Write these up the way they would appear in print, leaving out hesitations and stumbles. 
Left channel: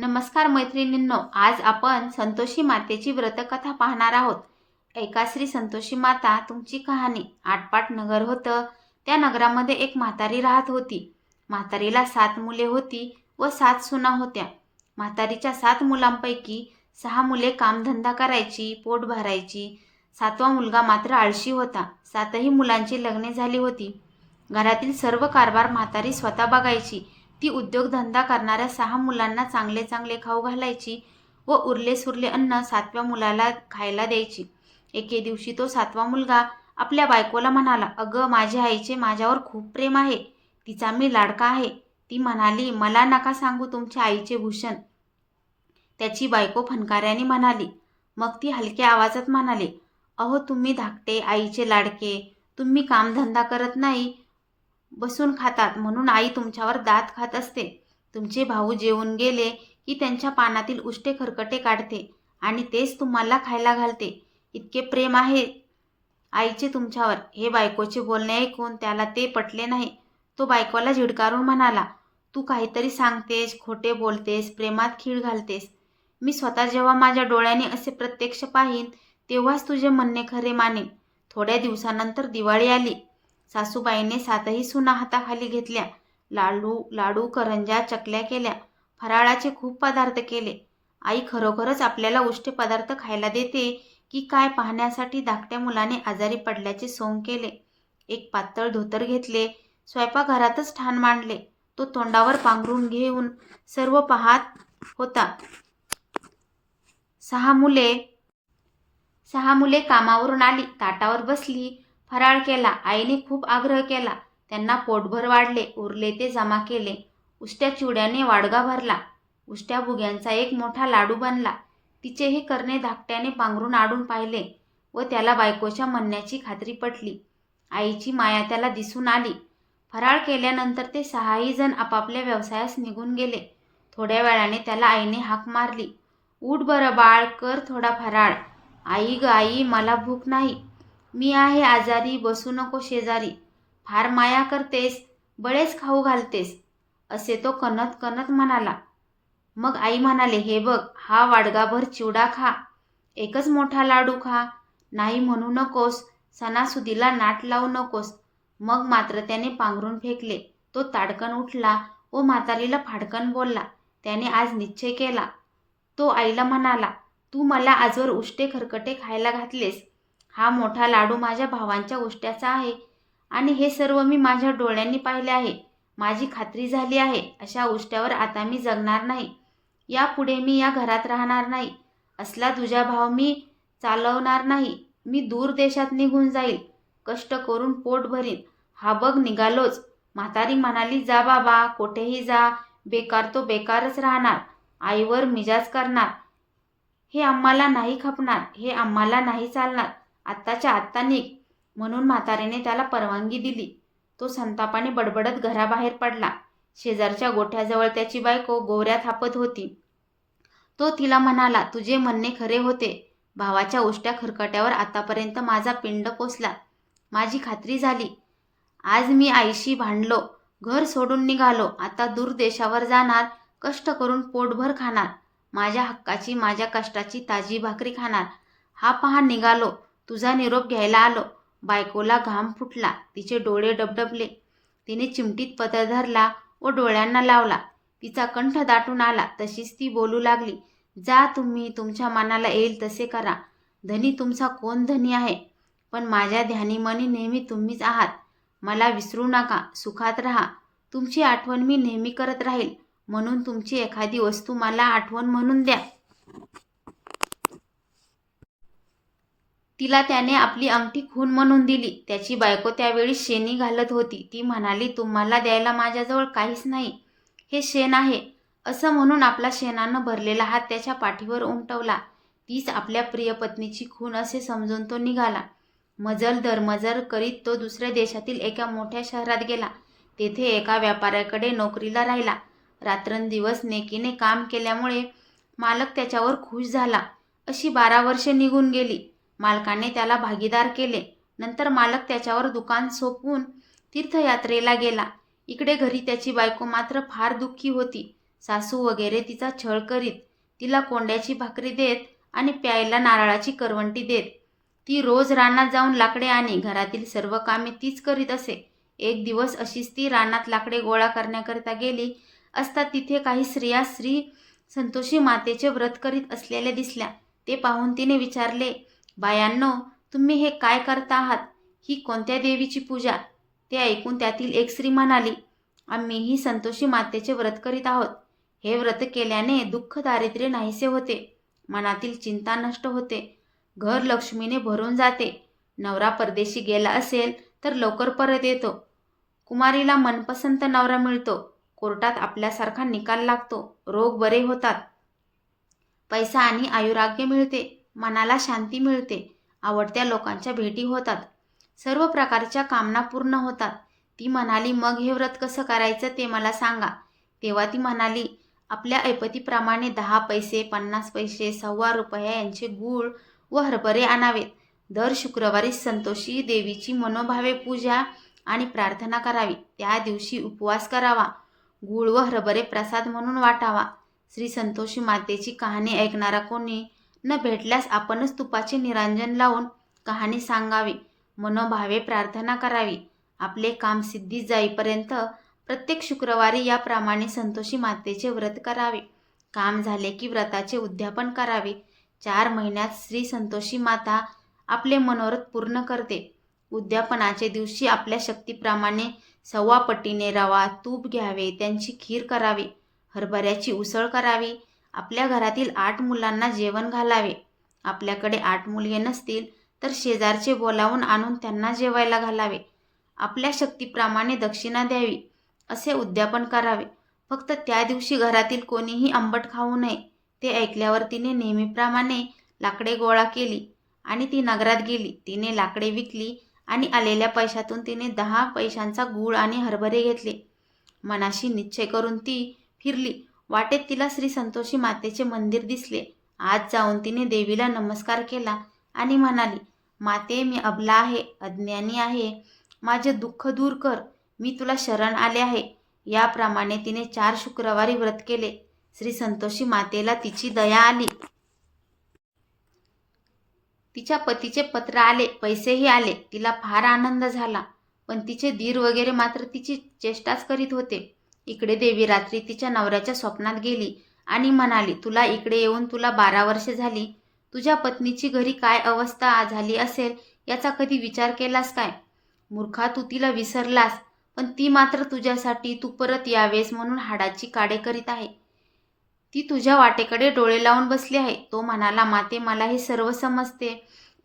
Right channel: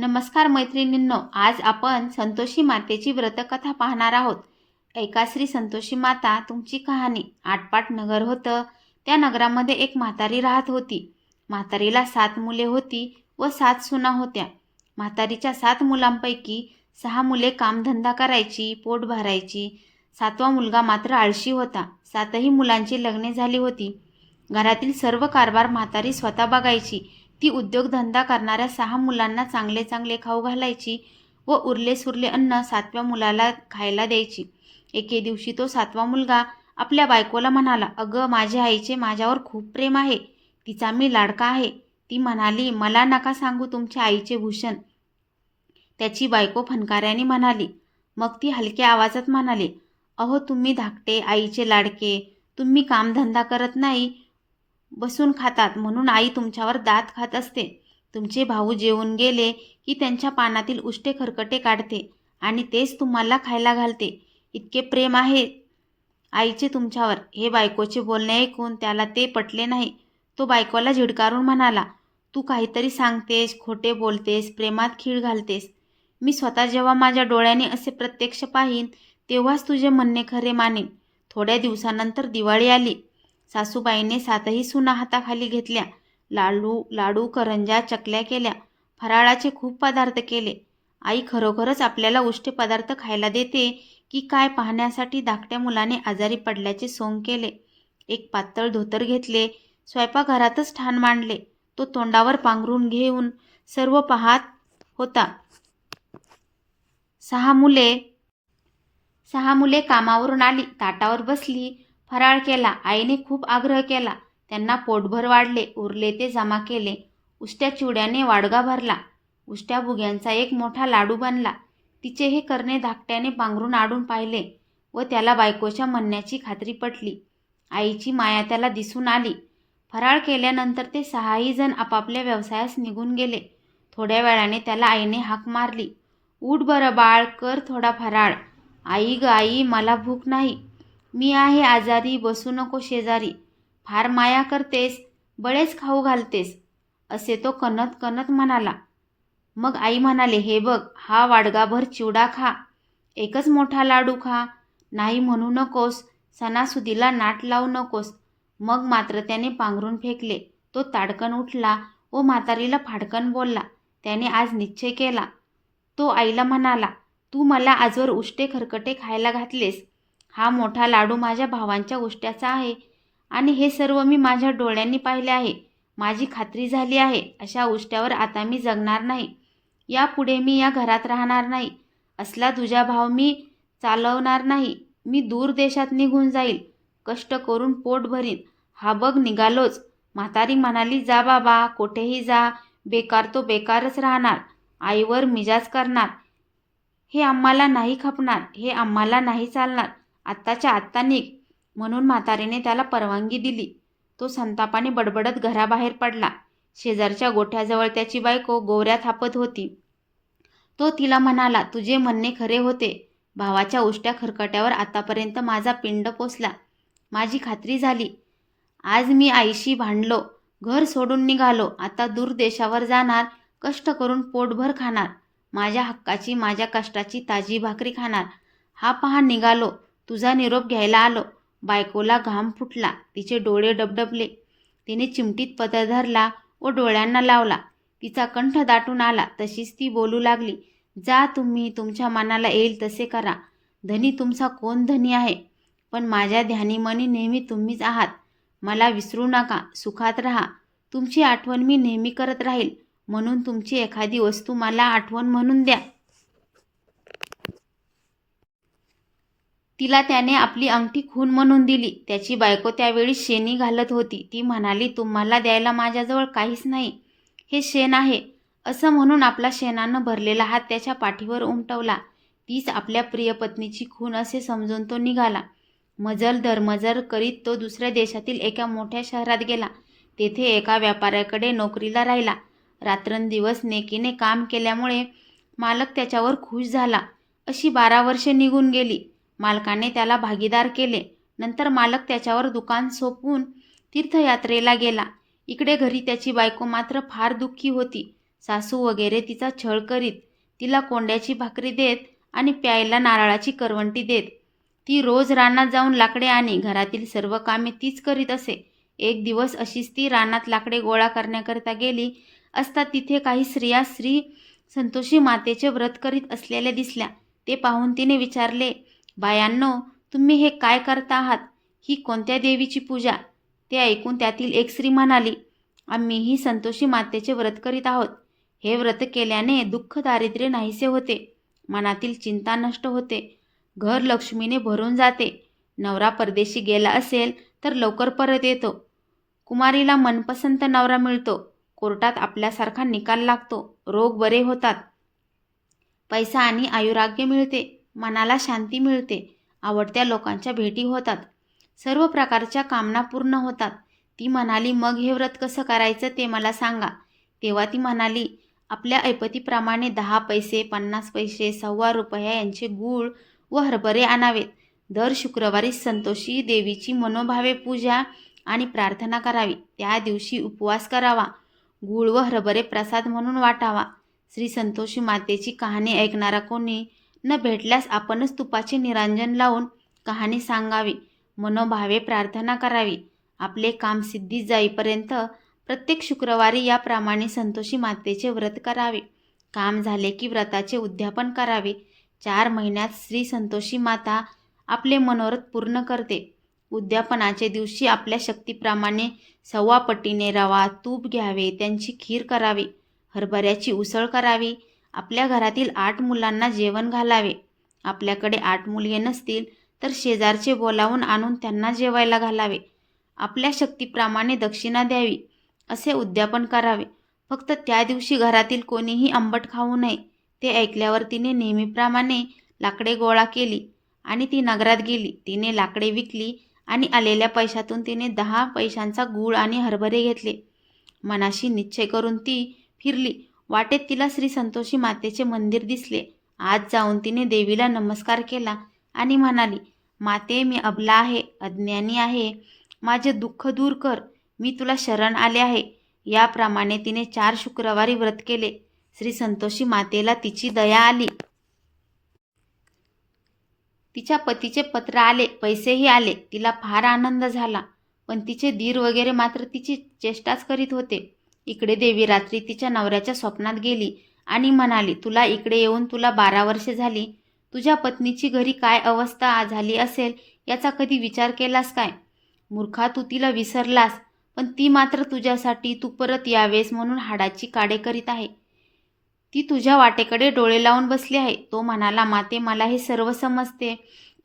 नमस्कार मैत्रिणींनो, आज आपण संतोषी मातेची व्रतकथा पाहणार आहोत. एका श्री संतोषी माता तुमची कहाणी. आटपाट नगर होतं. त्या नगरामध्ये एक म्हातारी राहत होती. म्हातारीला 7 मुले होती व 7 सुना होत्या. म्हातारीच्या 7 मुलांपैकी 6 मुले कामधंदा करायची, पोट भरायची. 7वा मुलगा मात्र आळशी होता. 7ही मुलांची लग्ने झाली होती. घरातील सर्व कारभार म्हातारी स्वतः बघायची. ती उद्योगधंदा करणाऱ्या 6 मुलांना चांगले चांगले खाऊ घालायची व उरले सुरले अन्न 7व्या मुलाला खायला द्यायची. एके दिवशी तो 7वा मुलगा आपल्या बायकोला म्हणाला, "अगं, माझ्या आईचे माझ्यावर खूप प्रेम आहे. तिचा मी लाडका आहे." ती म्हणाली, "मला नका सांगू तुमच्या आईचे भूषण." त्याची बायको फणकाऱ्याने म्हणाली. मग ती हलक्या आवाजात म्हणाली, "अहो, तुम्ही धाकटे, आईचे लाडके. तुम्ही कामधंदा करत नाही, बसून खातात, म्हणून आई तुमच्यावर दात खात असते. तुमचे भाऊ जेवून गेले की त्यांच्या पानातील उष्टे खरकटे काढते आणि तेच तुम्हाला खायला घालते. इतके प्रेम आहे आईचे तुमच्यावर." हे बायकोचे बोलणे ऐकून त्याला ते पटले नाही. तो बायकोला झिडकारून म्हणाला, "तू काहीतरी सांगतेस, खोटे बोलतेस, प्रेमात खीळ घालतेस. मी स्वतः जेव्हा माझ्या डोळ्याने असे प्रत्यक्ष पाहीन तेव्हाच तुझे म्हणणे खरे मानेन." थोड्या दिवसानंतर दिवाळी आली. सासूबाईने 7ही सुना हाताखाली घेतल्या. लाडू, करंज्या, चकल्या केल्या. फराळाचे खूप पदार्थ केले. आई खरोखरच आपल्याला उष्टे पदार्थ खायला देते की काय पाहण्यासाठी धाकट्या मुलाने आजारी पडल्याचे सोंग केले. एक पातळ धोतर घेतले. स्वयंपाकघरातच ठाण मांडले. तो तोंडावर पांघरून घेऊन सर्व पाहत होता. 6 मुले कामावरून आली. ताटावर बसली. फराळ केला. आईने खूप आग्रह केला. त्यांना पोटभर वाढले. उरले ते जमा केले. उष्ट्या चिवड्याने वाडगा भरला. उष्ट्या भुग्यांचा एक मोठा लाडू बनला. तिचे हे करणे धाकट्याने पांघरून आडून पाहिले व त्याला बायकोच्या म्हणण्याची खात्री पटली. आईची माया त्याला दिसून आली. फराळ केल्यानंतर ते 6ही जण आपापल्या व्यवसायास निघून गेले. थोड्या वेळाने त्याला आईने हाक मारली, "उठ बरं बाळ, कर थोडा फराळ." "आई ग आई, मला भूक नाही. मी आहे आजारी, बसू नको शेजारी. फार माया करतेस, बळेच खाऊ घालतेस." असे तो कणत कणत म्हणाला. मग आई म्हणाले, "हे बघ, हा वाडगाभर चिवडा खा. एकच मोठा लाडू खा. नाही म्हणू नकोस. सणासुदीला नाट लावू नकोस." मग मात्र त्याने पांघरून फेकले. तो ताडकन उठला व म्हातारीला फाडकन बोलला. त्याने आज निश्चय केला. तो आईला म्हणाला, "तू मला आजवर उष्टे खरकटे खायला घातलेस. हा मोठा लाडू माझ्या भावांच्या उष्ट्याचा आहे आणि हे सर्व मी माझ्या डोळ्यांनी पाहिले आहे. माझी खात्री झाली आहे. अशा उष्ट्यावर आता मी जगणार नाही. यापुढे मी या घरात राहणार नाही. असला तुझा भाव मी चालवणार नाही. मी दूर देशात निघून जाईल. कष्ट करून पोट भरीन. हा बघ निघालोच." म्हातारी म्हणाली, "जा बाबा, कोठेही जा. बेकार तो बेकारच राहणार. आईवर मिजाज करणार. हे आम्हाला नाही खपणार. हे आम्हाला नाही चालणार. आत्ताच्या आत्ता निघ." म्हणून म्हातारीने त्याला परवानगी दिली. तो संतापाने बडबडत घराबाहेर पडला. शेजारच्या गोठ्याजवळ त्याची बायको गोवऱ्या थापत होती. तो तिला म्हणाला, "तुझे म्हणणे खरे होते. भावाच्या उष्ट्या खरकट्यावर आतापर्यंत माझा पिंड पोचला. माझी खात्री झाली. आज मी आईशी भांडलो. घर सोडून निघालो. आता दूर देशावर जाणार. कष्ट करून पोटभर खाणार. माझ्या हक्काची, माझ्या कष्टाची ताजी भाकरी खाणार. हा पहा निघालो. तुझा निरोप घ्यायला आलो." बायकोला घाम फुटला. तिचे डोळे डबडबले. तिने चिमटीत पदर धरला व डोळ्यांना लावला. तिचा कंठ दाटून आला. तशीच ती बोलू लागली, "जा तुम्ही, तुमच्या मनाला येईल तसे करा. धनी तुमचा कोण धनी आहे, पण माझ्या ध्यानीमनी नेहमी तुम्हीच आहात. मला विसरू नका. सुखात राहा. तुमची आठवण मी नेहमी करत राहील. म्हणून तुमची एखादी वस्तू मला आठवण म्हणून द्या." तिला त्याने आपली अंगठी खून म्हणून दिली. त्याची बायको त्यावेळी शेणी घालत होती. ती म्हणाली, "तुम्हाला द्यायला माझ्याजवळ काहीच नाही. हे शेण आहे." असं म्हणून आपला शेणानं भरलेला हात त्याच्या पाठीवर उमटवला. तीच आपल्या प्रिय पत्नीची खून असे समजून तो निघाला. मजल दरमजल करीत तो दुसऱ्या देशातील एका मोठ्या शहरात गेला. तेथे एका व्यापाऱ्याकडे नोकरीला राहिला. रात्रंदिवस नेकीने काम केल्यामुळे मालक त्याच्यावर खुश झाला. अशी 12 वर्षे निघून गेली. मालकाने त्याला भागीदार केले. नंतर मालक त्याच्यावर दुकान सोपवून तीर्थयात्रेला गेला. इकडे घरी त्याची बायको मात्र फार दुःखी होती. सासू वगैरे तिचा छळ करीत, तिला कोंड्याची भाकरी देत आणि प्यायला नारळाची करवंटी देत. ती रोज रानात जाऊन लाकडे आणि घरातील सर्व कामे तीच करीत असे. एक दिवस अशीच ती रानात लाकडे गोळा करण्याकरिता गेली असता तिथे काही स्त्रिया श्री संतोषी मातेचे व्रत करीत असलेल्या दिसल्या. ते पाहून तिने विचारले, बायांनो, तुम्ही हे काय करता आहात? ही कोणत्या देवीची पूजा? ते ऐकून त्यातील एक स्त्री म्हणाली, आम्हीही संतोषी मातेचे व्रत करीत आहोत. हे व्रत केल्याने दुःख दारिद्र्य नाहीसे होते, मनातील चिंता नष्ट होते, घर लक्ष्मीने भरून जाते, नवरा परदेशी गेला असेल तर लवकर परत येतो, कुमारीला मनपसंत नवरा मिळतो, कोर्टात आपल्यासारखा निकाल लागतो, रोग बरे होतात, पैसा आणि आयुराग्य मिळते, मनाला शांती मिळते, आवडत्या लोकांच्या भेटी होतात, सर्व प्रकारच्या कामना पूर्ण होतात. ती म्हणाली, मग हे व्रत कसं करायचं ते मला सांगा. तेव्हा ती म्हणाली, आपल्या ऐपतीप्रमाणे 10 पैसे, 50 पैसे, ₹1.25 यांचे गूळ व हरभरे आणावेत. दर शुक्रवारी संतोषी देवीची मनोभावे पूजा आणि प्रार्थना करावी. त्या दिवशी उपवास करावा. गूळ व हरभरे प्रसाद म्हणून वाटावा. श्री संतोषी मातेची कहाणी ऐकणारा कोणी न भेटल्यास आपणच तुपाचे निरांजन लावून कहाणी सांगावी. मनोभावे प्रार्थना करावी. आपले काम सिद्धीस जाईपर्यंत प्रत्येक शुक्रवारी याप्रमाणे संतोषी मातेचे व्रत करावे. काम झाले की व्रताचे उद्यापन करावे. 4 महिन्यात श्री संतोषी माता आपले मनोरथ पूर्ण करते. उद्यापनाच्या दिवशी आपल्या शक्तीप्रमाणे 1.25 पटीने रवा, तूप घ्यावे, त्यांची खीर करावी, हरभऱ्याची उसळ करावी. आपल्या घरातील 8 मुलांना जेवण घालावे. आपल्याकडे 8 मुलगे नसतील तर शेजारचे बोलावून आणून त्यांना जेवायला घालावे. आपल्या शक्तीप्रमाणे दक्षिणा द्यावी. असे उद्यापन करावे. फक्त त्या दिवशी घरातील कोणीही आंबट खाऊ नये. ते ऐकल्यावर तिने नेहमीप्रमाणे लाकडे गोळा केली आणि ती नगरात गेली. तिने लाकडे विकली आणि आलेल्या पैशातून तिने 10 पैशांचा गूळ आणि हरभरे घेतले. मनाशी निश्चय करून ती फिरली. वाटेत तिला श्री संतोषी मातेचे मंदिर दिसले. आज जाऊन तिने देवीला नमस्कार केला आणि म्हणाली, माते, मी अबला आहे, अज्ञानी आहे, माझे दुःख दूर कर, मी तुला शरण आले आहे. याप्रमाणे तिने 4 शुक्रवारी व्रत केले. श्री संतोषी मातेला तिची दया आली. तिच्या पतीचे पत्र आले, पैसेही आले. तिला फार आनंद झाला. पण तिचे दीर वगैरे मात्र तिची चेष्टाच करीत होते. इकडे देवी रात्री तिच्या नवऱ्याच्या स्वप्नात गेली आणि म्हणाली, तुला इकडे येऊन तुला 12 वर्षे झाली. तुझ्या पत्नीची घरी काय अवस्था झाली असेल याचा कधी विचार केलास काय? मूर्खा, तू तिला विसरलास, पण ती मात्र तुझ्यासाठी तू परत यावेस म्हणून हाडाची काडे करीत आहे. ती तुझ्या वाटेकडे डोळे लावून बसली आहे. तो म्हणाला, माते, मला हे सर्व समजते,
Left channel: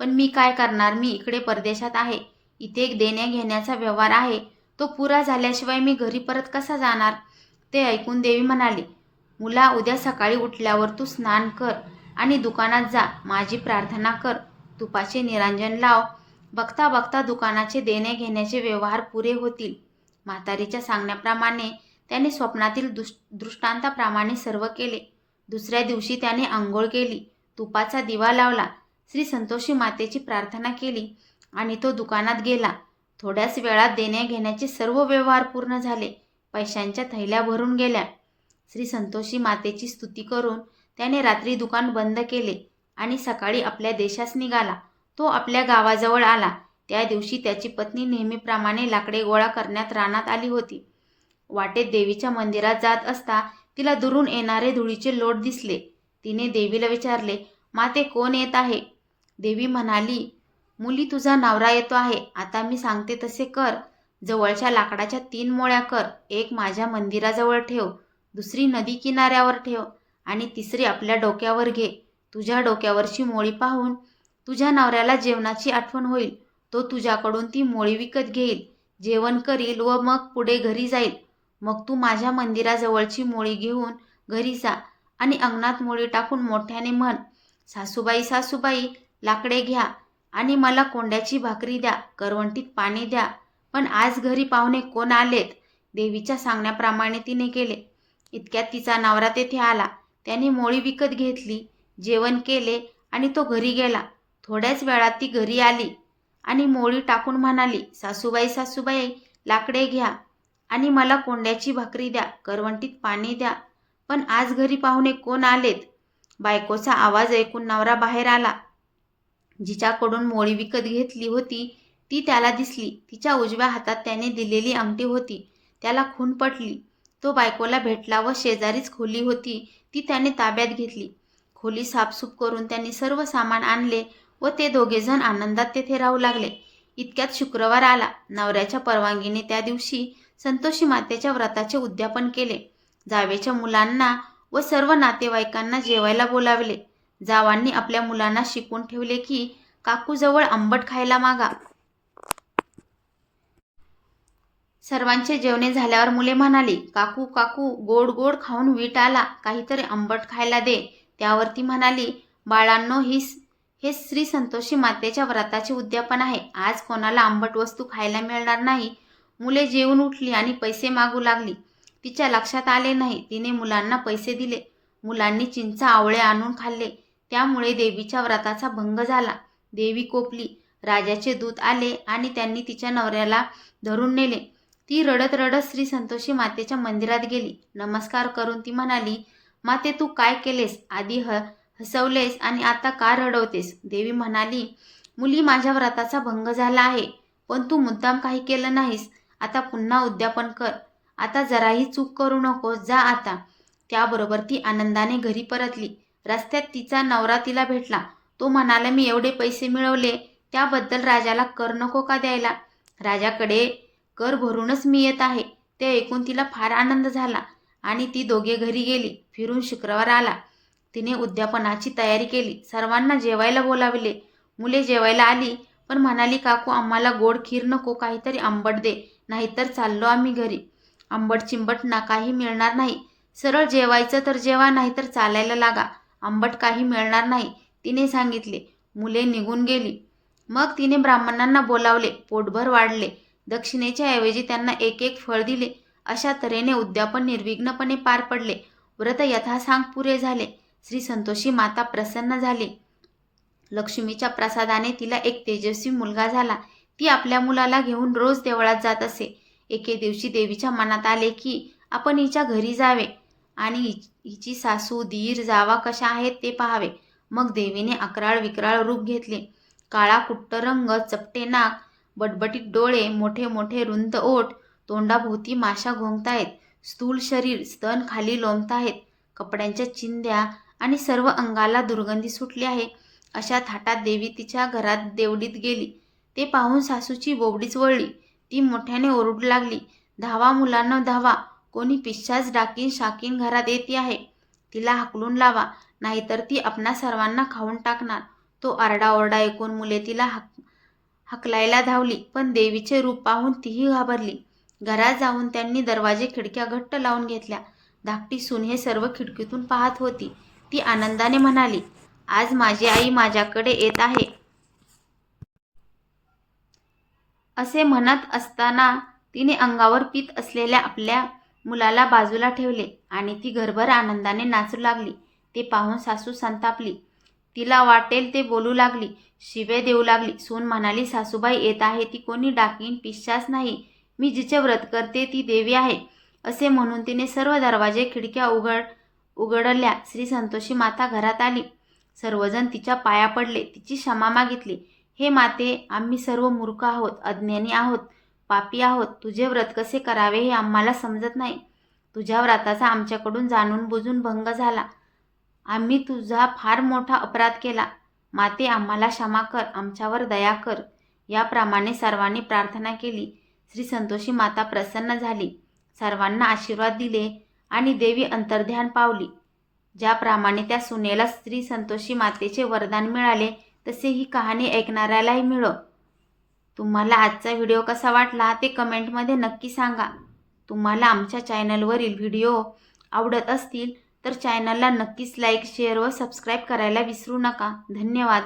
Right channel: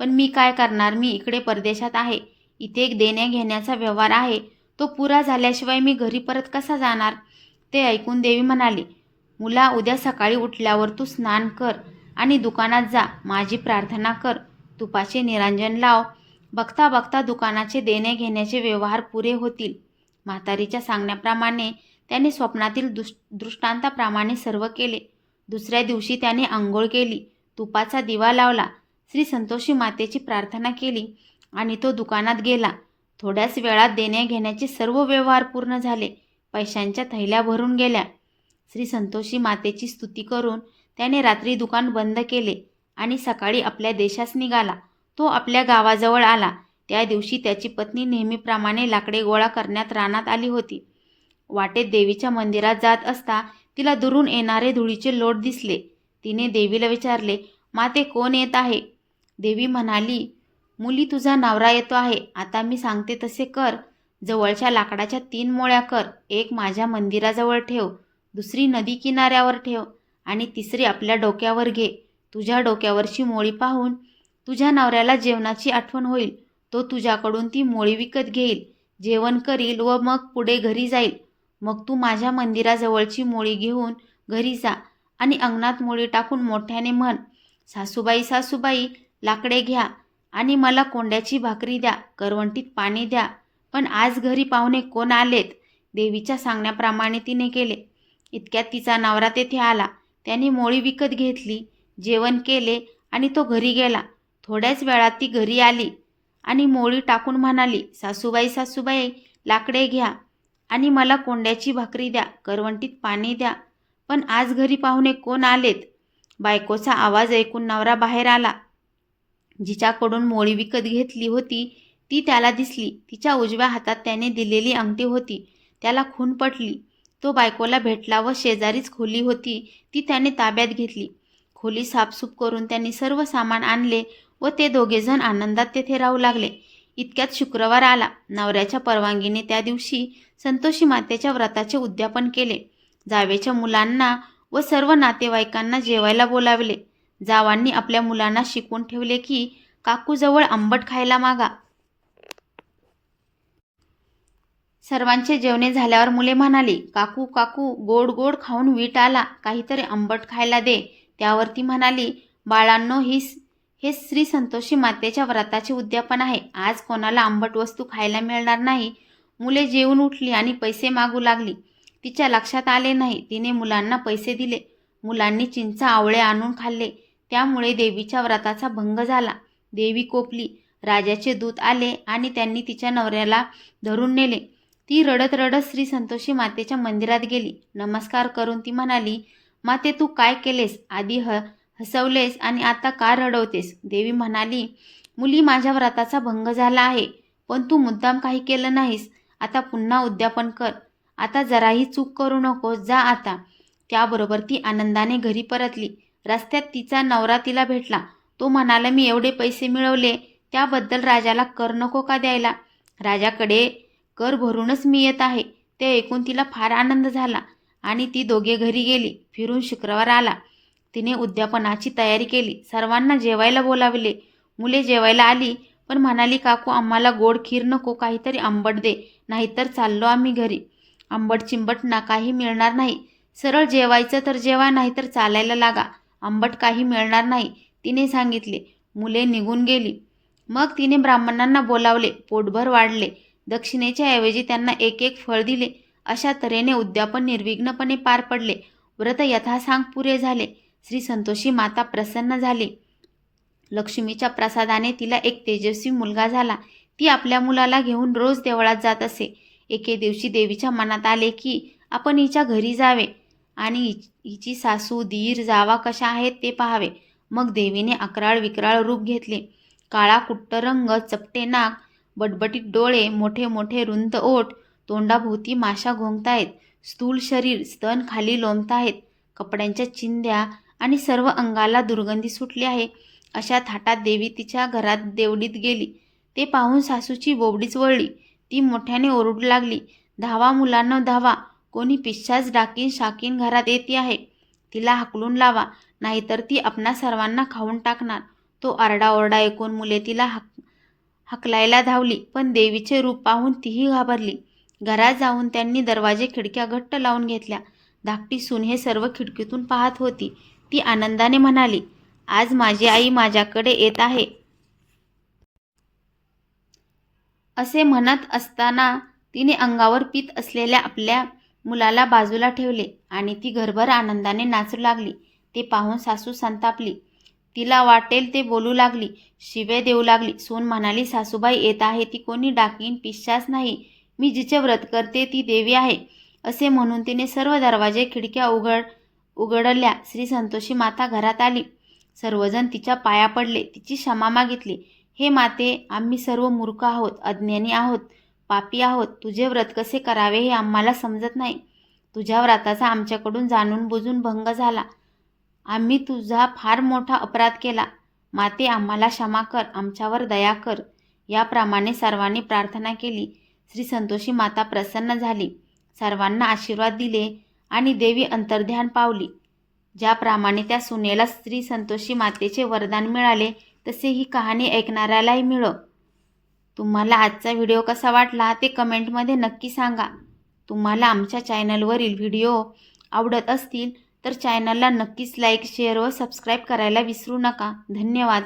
पण मी काय करणार? मी इकडे परदेशात आहे. इथे एक देण्या घेण्याचा व्यवहार आहे. तो पुरा झाल्याशिवाय मी घरी परत कसा जाणार? ते ऐकून देवी म्हणाली, मुला, उद्या सकाळी उठल्यावर तू स्नान कर आणि दुकानात जा, माझी प्रार्थना कर, तुपाचे निरांजन लाव. बघता बघता दुकानाचे देणे घेण्याचे व्यवहार पुरे होतील. म्हातारीच्या सांगण्याप्रमाणे त्याने स्वप्नातील दृष्टांताप्रमाणे सर्व केले. दुसऱ्या दिवशी त्याने आंघोळ केली, तुपाचा दिवा लावला, श्री संतोषी मातेची प्रार्थना केली आणि तो दुकानात गेला. थोड्याच वेळात देण्या घेण्याचे सर्व व्यवहार पूर्ण झाले. पैशांच्या थैल्या भरून गेल्या. श्री संतोषी मातेची स्तुती करून त्याने रात्री दुकान बंद केले आणि सकाळी आपल्या देशास निघाला. तो आपल्या गावाजवळ आला. त्या दिवशी त्याची पत्नी नेहमीप्रमाणे लाकडे गोळा करण्यात रानात आली होती. वाटेत देवीच्या मंदिरात जात असता तिला दुरून येणारे धुळीचे लोट दिसले. तिने देवीला विचारले, माते, कोण येत आहे? देवी म्हणाली, मुली, तुझा नवरा येतो आहे. आता मी सांगते तसे कर. जवळच्या लाकडाच्या 3 मोळ्या कर. एक माझ्या मंदिराजवळ ठेव, दुसरी नदी किनाऱ्यावर ठेव आणि तिसरी आपल्या डोक्यावर घे. तुझ्या डोक्यावरची मोळी पाहून तुझ्या नवऱ्याला जेवणाची आठवण होईल. तो तुझ्याकडून ती मोळी विकत घेईल, जेवण करील व मग पुढे घरी जाईल. मग तू माझ्या मंदिराजवळची मोळी घेऊन घरी जा आणि अंगणात मोळी टाकून मोठ्याने म्हण, सासूबाई, सासूबाई, लाकडे घ्या आणि मला कोंड्याची भाकरी द्या, करवंटीत पाणी द्या. पण आज घरी पाहुणे कोण आलेत? देवीच्या सांगण्याप्रमाणे तिने केले. इतक्यात तिचा नवरा तेथे आला. त्याने मोळी विकत घेतली, जेवण केले आणि तो घरी गेला. थोड्याच वेळात ती घरी आली आणि मोळी टाकून म्हणाली, सासूबाई, सासूबाई, लाकडे घ्या आणि मला कोंड्याची भाकरी द्या, करवंटीत पाणी द्या. पण आज घरी पाहुणे कोण आलेत? बायकोचा आवाज ऐकून नवरा बाहेर आला. जिच्याकडून मोळी विकत घेतली होती ती त्याला दिसली. तिच्या उजव्या हातात त्याने दिलेली अंगठी होती. त्याला खून पटली. तो बायकोला भेटला व शेजारीच खोली होती ती त्याने ताब्यात घेतली. खोली साफसूफ करून त्यांनी सर्व सामान आणले व ते दोघेजण आनंदात तेथे राहू लागले. इतक्यात शुक्रवार आला. नवऱ्याच्या परवानगीने त्या दिवशी संतोषी मातेच्या व्रताचे उद्यापन केले. जावेच्या मुलांना व सर्व नातेवाईकांना जेवायला बोलावले. जावांनी आपल्या मुलांना शिकवून ठेवले की काकूजवळ आंबट खायला मागा. सर्वांचे जेवणे झाल्यावर मुले म्हणाली, काकू काकू गोड गोड खाऊन वीट आला, काहीतरी आंबट खायला दे. त्यावर ती म्हणाली, बाळांनो हे श्री संतोषी मातेच्या व्रताचे उद्यापन आहे. आज कोणाला आंबट वस्तू खायला मिळणार नाही. मुले जेवून उठली आणि पैसे मागू लागली. तिच्या लक्षात आले नाही. तिने मुलांना पैसे दिले. मुलांनी चिंच आवळे आणून खाल्ले. त्यामुळे देवीच्या व्रताचा भंग झाला. देवी कोपली. राजाचे दूत आले आणि त्यांनी तिच्या नवऱ्याला धरून नेले. ती रडत रडत श्री संतोषी मातेच्या मंदिरात गेली. नमस्कार करून ती म्हणाली, माते तू काय केलेस? आधी हसवलेस आणि आता का रडवतेस? देवी म्हणाली, मुली माझ्या व्रताचा भंग झाला आहे, पण तू मुद्दाम काही केलं नाहीस. आता पुन्हा उद्यापन कर. आता जराही चूक करू नकोस. जा आता. त्याबरोबर ती आनंदाने घरी परतली. रस्त्यात तिचा नवरा तिला भेटला. तो म्हणाला, मी एवढे पैसे मिळवले त्याबद्दल राजाला कर नको का द्यायला? राजाकडे कर भरूनच मी येत आहे. ते ऐकून तिला फार आनंद झाला आणि ती दोघे घरी गेली. फिरून शुक्रवार आला. तिने उद्यापनाची तयारी केली. सर्वांना जेवायला बोलावले. मुले जेवायला आली पण म्हणाली, काकू आम्हाला गोड खीर नको, काहीतरी आंबट दे, नाहीतर चाललो आम्ही घरी. आंबट चिंबट ना काही मिळणार नाही. सरळ जेवायचं तर जेवा, नाहीतर चालायला लागा. आंबट काही मिळणार नाही, तिने सांगितले. मुले निघून गेली. मग तिने ब्राह्मणांना बोलावले. पोटभर वाढले. दक्षिणेच्या ऐवजी त्यांना एक एक फळ दिले. अशा तऱ्हेने उद्यापन निर्विघ्नपणे पार पडले. व्रत यथासांग पुरे झाले. श्री संतोषी माता प्रसन्न झाली. लक्ष्मीच्या प्रसादाने तिला एक तेजस्वी मुलगा झाला. ती आपल्या मुलाला घेऊन रोज देवळात जात असे. एके दिवशी देवीच्या मनात आले की आपण हिच्या घरी जावे आणि हिची सासू दीर जावा कशा आहेत ते पाहावे. मग देवीने अकराळ विक्राळ रूप घेतले. काळा कुट्ट रंग, चपटे नाक, बटबटीत डोळे, मोठे मोठे रुंद ओठ, तोंडाभोवती माशा घोंगतायत, स्थूल शरीर, स्तन खाली लोंबताहेत, कपड्यांच्या चिंध्या आणि सर्व अंगाला दुर्गंधी सुटली आहे. अशा थाटात देवी तिच्या घरात देवलीत गेली. ते पाहून सासूची बोबडीच वळली. ती मोठ्याने ओरडू लागली, धावा मुलांना धावा, कोणी पिशाच डाकीन शाकीन घरात येते आहे. तिला हाकलून लावा, नाहीतर ती आपणा सर्वांना खाऊन टाकणार. तो आरडाओरडा ऐकून मुले तिला हकलायला धावली, पण देवीचे रूप पाहून तीही घाबरली. घरात जाऊन त्यांनी दरवाजे खिडक्या घट्ट लावून घेतल्या. धाकटी सून हे सर्व खिडकीतून पाहत होती. ती आनंदाने म्हणाली, आज माझी आई माझ्याकडे येत आहे. असे म्हणत असताना तिने अंगावर पीत असलेल्या आपल्या मुलाला बाजूला ठेवले आणि ती घरभर आनंदाने नाचू लागली. ते पाहून सासू संतापली. तिला वाटेल ते बोलू लागली. शिवे देऊ लागली. सून म्हणाली, सासूबाई येत आहे ती कोणी डाकीन पिशाच नाही. मी जिचे व्रत करते ती देवी आहे. असे म्हणून तिने सर्व दरवाजे खिडक्या उघडल्या. श्री संतोषी माता घरात आली. सर्वजण तिच्या पाया पडले. तिची क्षमा मागितली. हे माते, आम्ही सर्व मूर्ख आहोत, अज्ञानी आहोत, पापी आहोत. तुझे व्रत कसे करावे हे आम्हाला समजत नाही. तुझ्या व्रताचा आमच्याकडून जाणून बुजून भंग झाला. आम्ही तुझा फार मोठा अपराध केला. माते, आम्हाला क्षमा कर, आमच्यावर दया कर. याप्रमाणे सर्वांनी प्रार्थना केली. श्री संतोषी माता प्रसन्न झाली. सर्वांना आशीर्वाद दिले आणि देवी अंतर्ध्यान पावली. ज्याप्रमाणे त्या सुनेला श्री संतोषी मातेचे वरदान मिळाले तसे ही कहाणी ऐकणाऱ्यालाही मिळो. तुम्हाला आजचा व्हिडिओ कसा वाटला ते कमेंटमध्ये नक्की सांगा. तुम्हाला आमच्या चॅनलवरील व्हिडिओ आवडत असतील तर चॅनलला नक्कीच लाईक, शेअर व सबस्क्राईब करायला विसरू नका. धन्यवाद.